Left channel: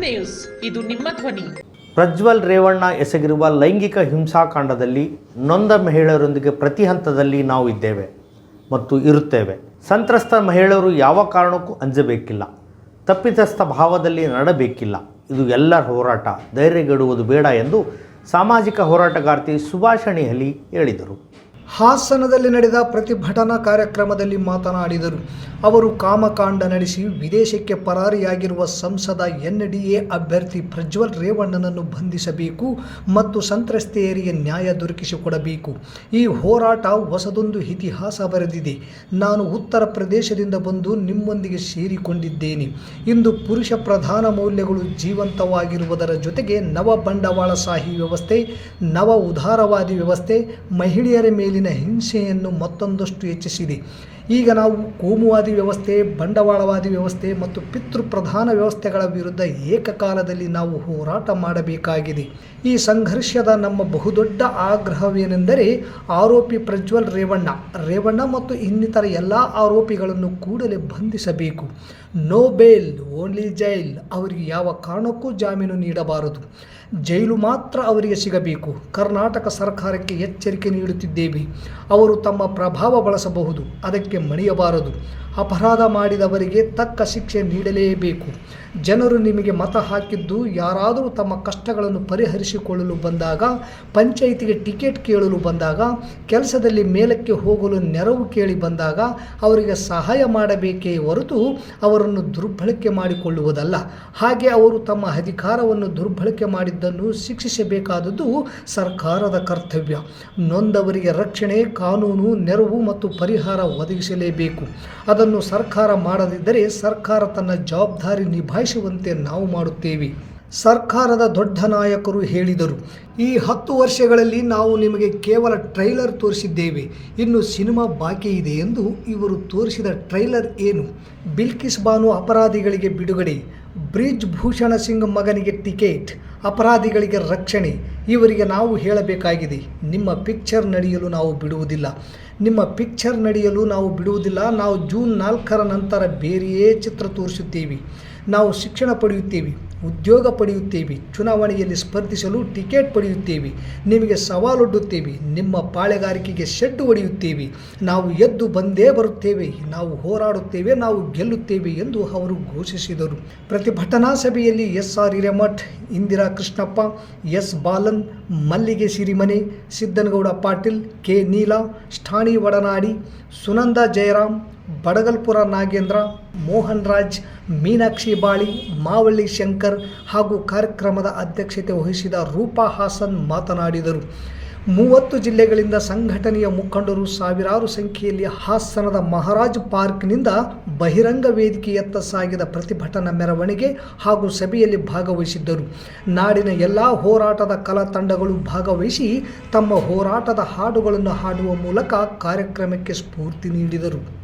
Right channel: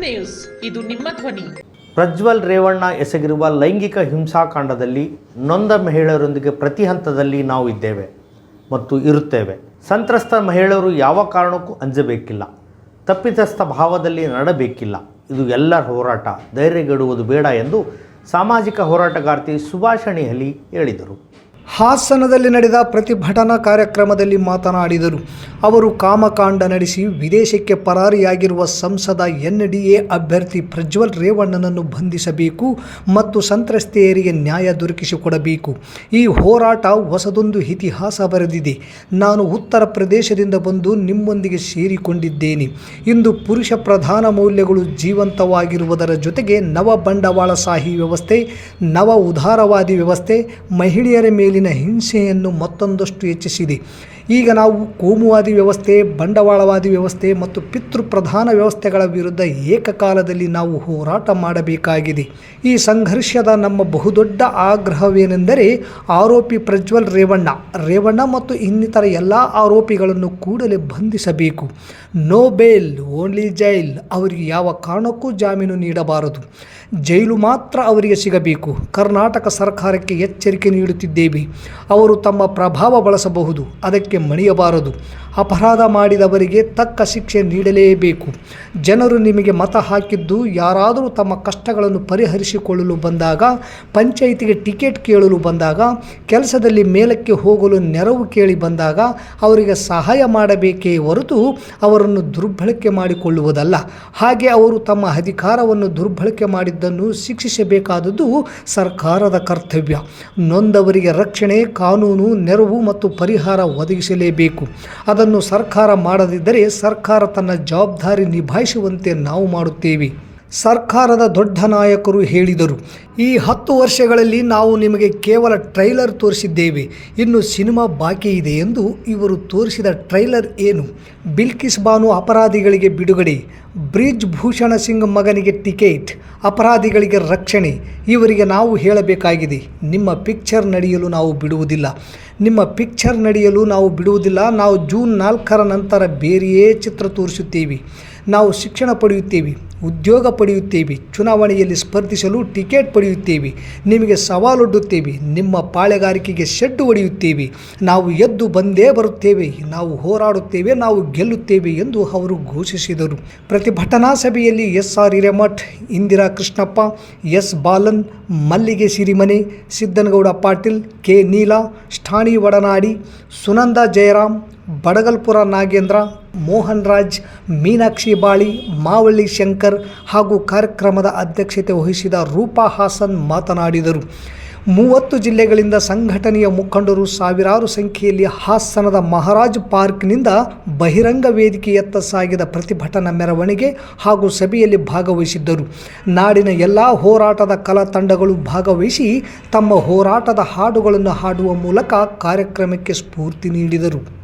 News, ಇದು ನಿಮ್ಮ ಧ್ವನಿ. ಪ್ರಜ್ವಲ್ ರೇವಣ್ಣ ಎಸಗಿರುವ ಲೈಂಗಿಕ ಹಿಂಸಾಕಾಂಡದಲ್ಲಿ ನೊಂದ ಮಹಿಳೆಯರೊಂದಿಗೆ ಪ್ರತಿ ಹಂತದಲ್ಲಿ ನಾವು ಇದ್ದೇವೆ ಮತ್ತು ಇರುತ್ತೇವೆ. ಸಂತ್ರಸ್ತ ಮಹಿಳೆಯರು ಯಾವ ಕಾರಣಕ್ಕೂ ಅಂಜಬೇಕಿಲ್ಲ. ತಪ್ಪಿತಸ್ಥ ಭಾವದಲ್ಲಿ ನಡಬೇಕಿಲ್ಲ. ಇದು ಎಲ್ಲರ ಹೋರಾಟ. ಧೈರ್ಯಗೆಡುವುದು ಬೇಡ ಎಂದು ಸಾಮಾಜಿಕ ಹೋರಾಟಗಾರ್ತಿ ಸುಭಾಷಣಿ ಹಲಿ ಹೇಳಿದರು. ಹಾಸನದಲ್ಲಿ ನಡೆದ ಪ್ರತಿಭಟನಾ ಕಾರ್ಯಕ್ರಮದಲ್ಲಿ ಮಾತನಾಡಿದರು. ಅವರು ಕಾಮಕಾಂಡ ನಡೆಸಿ ವಿದೇಶಕ್ಕೆ ಪರಾರಿಯಾಗಿರುವ ಸಂಸದ ಎನ್ ಡಿ ಎ ಅಭ್ಯರ್ಥಿ ಪ್ರಜ್ವಲ್ ರೇವಣ್ಣನನ್ನು ಬಂಧಿಸಬೇಕು ಮತ್ತು ಸಂತ್ರಸ್ತೆಯರಿಗೆ ನ್ಯಾಯ ದೊರಕಿಸಿಕೊಡಬೇಕು. ಈ ಹೋರಾಟ ಹೊಸದೊಂದು ಇತಿಹಾಸ ಬರೆದಿದೆ. ನಾನು ಉತ್ತರ ಪ್ರದೇಶದಿಂದ ಬಂದು ನಿಮ್ಮೊಂದಿಗೆ ಸೇರಿಕೊಂಡಿದ್ದೇನೆ. ಇಂದು ಪುರುಷ ಪ್ರಧಾನ ಮೌಲ್ಯಗಳು ಜೀವಂತವಾಗಿರುವುದರ ಜೊತೆಗೆ ನವ ಬಂಡವಾಳಶಾಹಿ ವ್ಯವಸ್ಥೆ, ನವ ಉದಾರವಾದಿ ವ್ಯವಸ್ಥೆ, ಮಹಿಳೆಯರ ಮೇಲಿನ ಹಿಂಸೆಯನ್ನು ಮತ್ತೊಂದಷ್ಟು ಹೆಚ್ಚಿಸಿದೆ. ಈಗ ನಾವು ಕೋಮುವಾದಿ ವ್ಯವಸ್ಥೆ, ಬಂಡವಾಳವಾದಿ ವ್ಯವಸ್ಥೆ ಮತ್ತು ಪಿತೃಪ್ರಧಾನ ವ್ಯವಸ್ಥೆಗಳ ವಿರುದ್ಧ ಏಕಕಾಲದಲ್ಲಿ ನಾವು ಹೋರಾಟ ಮಾಡಬೇಕಾಗಿದೆ. ಈ ಸಂಘರ್ಷದ ನಮ್ಮ ಬಹುದೊಡ್ಡ ಆಗ್ರಹವೇನೆಂದರೆ ಆರೋಪಿ ಪ್ರಜ್ವಲ್ ರೇವಣ್ಣ. ರೇವಣ್ಣ ಮತ್ತು ಇನ್ನಿತರ ಎಲ್ಲ ಆರೋಪಿಗಳನ್ನು ಕೂಡಲೇ ಬಂಧಿಸಬೇಕು. ನೋ ಬೇಲ್ ಓನ್ಲಿ ಜೈಲ್, ಅವರಿಗೆ ಯಾವ ಕಾರಣಕ್ಕೂ ಜಾಮೀನು ನೀಡಬಾರದು. ಜೈಲು ಮಾತ್ರ ಅವರಿಗೆ ಸಿಗಬೇಕು. ಕರ್ನಾಟಕ ಸರ್ಕಾರಕ್ಕೆ ಎಚ್ಚರಿಕೆ ನೀಡುತ್ತಿದ್ದೇವೆ. ಅವರು ತಮ್ಮ ಪ್ರಭಾವ ಬಳಸಬಹುದು, ಅದಕ್ಕೆ ಮಣಿಯಬಾರದು. ಅಪರಾಧ ಮಾಡಿದವರಿಗೆ ತಕ್ಕ ಶಿಕ್ಷೆ ನೀಡಲೇಬೇಕು. ಜನರು ನಿಮಗೆ ಮತ ಹಾಕಿದ್ದು, ಯಾರಾದರೂ ತಮ್ಮ ಕಷ್ಟಗಳನ್ನು ಪರಿಹರಿಸಿಕೊಳ್ಳಲು ಬಂದಾಗ, ಪಂಚಾಯಿತಿಗೆ ಟಿಕೆಟ್ ಕೇಳಲು ಬಂದಾಗ, ಕೆಲಸದಲ್ಲಿ ಮೇಲಕ್ಕೆ ಹೋಗಲು ನೆರವು ಕೇಳಿ ಬಂದಾಗ ಅವರಿಗೆ ಸಹಾಯ ಮಾಡಬೇಕೇ ಹೊರತು ಅವರನ್ನು ದುರ್ಬಳಕೆ ಮಾಡಿಕೊಳ್ಳುವುದಲ್ಲ. ಹಾಗೆ ಅವರು ತಮ್ಮ ಅಧಿಕಾರವನ್ನು ದುರ್ಬಳಕೆ ಮಾಡಿದ್ದನ್ನು ಶಿಕ್ಷಿಸಬೇಕಾದದ್ದು ಸರ್ಕಾರದ ಕರ್ತವ್ಯ. ನೊಂದವರಿಗೆ ರಕ್ಷಣೆ, ಕಾನೂನು, ನೆರವು ಮತ್ತು ಪರಿಹಾರ ಒದಗಿಸಲೇಬೇಕು. ಅದನ್ನು ಸರ್ಕಾರ ಮಾಡದಿದ್ದರೆ ಸರ್ಕಾರ ತನ್ನ ಜವಾಬ್ದಾರಿ ನಿಭಾಯಿಸುವಂತೆ ನಾವು ಮಾಡುತ್ತೇವೆ. ಸರ್ಕಾರದ ದೊಡ್ಡ ನಾಯಕರು ಹೇಳಿದರು ಈ ಹತ್ತು ವರ್ಷಗಳಲ್ಲಿ ನಾವು ನಿಮಗೆ ಕೇವಲ ಟ್ರೈಲರ್ ತೋರಿಸಿದ್ದೇವೆ. ಇನ್ನು ಸಿನಿಮಾ ಬಾಕಿ ಇದೆ ಎಂದು ಇವರು ತೋರಿಸಿದ ಟ್ರೈಲರ್ ಏನು? ಬಿಲ್ಕಿಸ್ ಬಾನು ಅಪರಾಧಿಗಳಿಗೆ ಬಿಡುಗಡೆ. ಬ್ರಿಜ್ ಭೂಷಣ ಸಿಂಗ್ ಮಗನಿಗೆ ಟಿಕೆಟ್. ಅಪರಾಧಿಗಳಿಗೆ ರಕ್ಷಣೆ. ಇವರಿಗೆ ನಾವು ಹೇಳಬೇಕಾಗಿದೆ. ನಿಮ್ಮ ಪಿಕ್ಚರ್ ನಡೆಯಲು ನಾವು ಬಿಡುವುದಿಲ್ಲ. ನಿಮ್ಮ ಪಿಕ್ಚರ್ ನಡೆಯಲು ನಾವು ಬಿಡುವುದಿಲ್ಲ. ನಾವು ಜೂನ್ ನಾಲ್ಕರ ನಂತರ ಬೇರೆಯೇ ಚಿತ್ರ ತೋರಿಸುತ್ತೇವೆ. ನಾವು ಶಿಕ್ಷಣ ಪಡೆಯುತ್ತೇವೆ. ಉದ್ಯೋಗ ಪಡೆಯುತ್ತೇವೆ. ಚುನಾವಣೆಯಲ್ಲಿ ಸ್ಪರ್ಧಿಸಲು ಟಿಕೆಟ್ ಪಡೆಯುತ್ತೇವೆ. ನಿಮಗೆ ಸವಾಲೊಡ್ಡುತ್ತೇವೆ. ನಿಮ್ಮ ಪಾಳೆಗಾರಿಕೆಗೆ ಶೆಡ್ಡು ಹೊಡೆಯುತ್ತೇವೆ. ನಾವು ಎದ್ದು ಬಂದೇ ಬರುತ್ತೇವೆ. ನಾವು ಹೋರಾಡುತ್ತೇವೆ. ನಾವು ಗೆಲ್ಲುತ್ತೇವೆ ಎಂದು ಅವರು ಘೋಷಿಸಿದರು. ಪ್ರತಿಭಟನಾ ಸಭೆಯಲ್ಲಿ S R Hiremath, Indira Krishnappa, S Balan, Mallige Sirimane, Siddanagouda Patil, K Neela ಠಾಣಿ ಒಡನಾಡಿ, ಸುನಂದ ಜಯರಾಮ್ ಬಡಗಲ್ಪುರ ನಾಗೇಂದ್ರ, ಮೋಹನ್ ರಾಜ್, ಮೀನಾಕ್ಷಿ ಬಾಳಿ, ಮಾವಳ್ಳಿ ಶಂಕರ್ ಹಾಗೂ ಕಾರ್ಯಕ್ರಮದ ಅಧ್ಯಕ್ಷತೆ ವಹಿಸಿದ ರೂಪಾ ಹಾಸನ್ ಮಾತನಾಡಿದರು. ಮೂವತ್ತು ಜಿಲ್ಲೆಗಳಿಂದ ಸಂಘಟನೆಯ ಮುಖಂಡರು ಸಾವಿರಾರು ಸಂಖ್ಯೆಯಲ್ಲಿ ಹಾಸನದ ಮಹಾರಾಜ್ ಪಾರ್ಕ್ನಿಂದ ಬಹಿರಂಗ ವೇದಿಕೆಯತ್ತ ಸಾಗಿದ ಪ್ರತಿಭಟನಾ ಮೆರವಣಿಗೆ ಹಾಗೂ ಸಭೆಯಲ್ಲಿ ಭಾಗವಹಿಸಿದ್ದರು. ನಾಡಿನ ಎಲ್ಲ ಹೋರಾಟದ ಕಲಾ ತಂಡಗಳು ಭಾಗವಹಿಸಿ ತಮ್ಮ ಹೋರಾಟದ ಹಾಡುಗಳನ್ನು ಹಾಡುವ ಮೂಲಕ ಕಾರ್ಯಕ್ರಮಕ್ಕೆ ಸ್ಫೂರ್ತಿ ನೀಡಿದರು.